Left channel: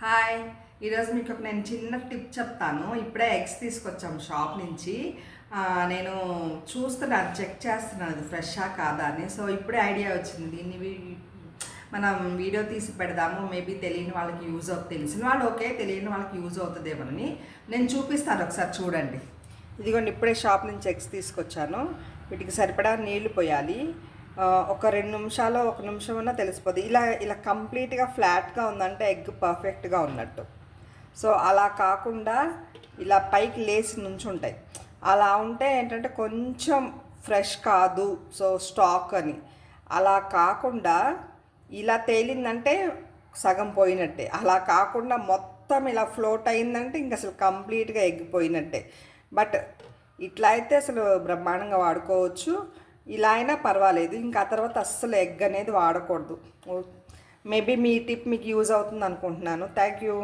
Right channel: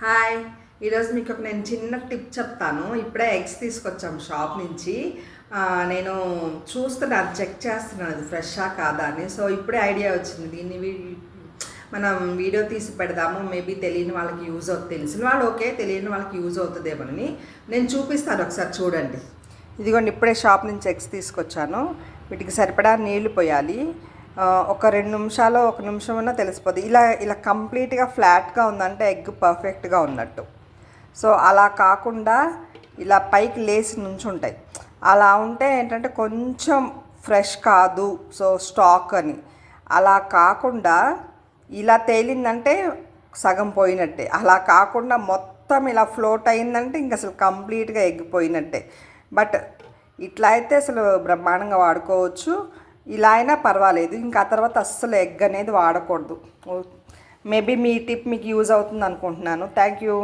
Hi. ఈరోజు మీకు నేను చిన్న టిప్ చెప్తాను. ఇప్పుడే ఎగ్స్ తీసుకొచ్చాము షాప్ నుంచి. నేను చూస్తున్నాను, చెక్ చేస్తున్నాను అది ఫ్రెషా కాదా అని. సో ఇప్పుడే ఐడియా వచ్చింది, దీన్ని మనం వీడియో తీసి పెడదాము. మేబీ తెలియని వాళ్ళకి యూజ్ అవుతుంది, తెలిసిన వాళ్ళు ఓకే, తెలియని వాళ్ళకి యూజ్ అవుతుందేమోనని నేను చూపిస్తాను, ఒకసారి చూడండి. ఇదిగోండి, ఇప్పుడే షాప్ నుంచి ఎగ్స్ తీసుకొచ్చాను. వీటికి సరిపడా నీళ్లు పోయాలి. ఒక 2 నిమిషాలు, 1 నిమిషం అన్నా తెలిసిపోద్ది. ఇలా ఇలా కంప్లీట్గా ఫ్లాట్గా ఉందంటే ఎగ్ పర్ఫెక్ట్గా ఉన్నట్టు. సో అలా కాకుండా ఇలా పైకి లేచి నుంచుంటాయి. అలా ఉంటే ఏంటంటే కొంచెం ఫ్రెష్ కాదు, సో స్టాక్ అని. అలా కాకుండా ఇలా తేలిందంటే సగం పోయినట్టే. అలా కాకుండా మొత్తం ఇలా ఫ్లోట్ అయిందంటే ఇంక అసలు కంప్లీట్గా ఎగ్ పోయినట్టే. బట్ ఇట్లా అయితే అసలు బ్రహ్మాండంగా వాడుకోవచ్చు. ఇలా అయినా పర్వాలేదు. ఇంకా ఆ తర్వాత అస్సలు ఎగ్ అనేది వాడకూడదు. మేబీ మీ టిప్ మీకు యూజ్ అవుతుంది అనుకుంటున్నాను. Thank you.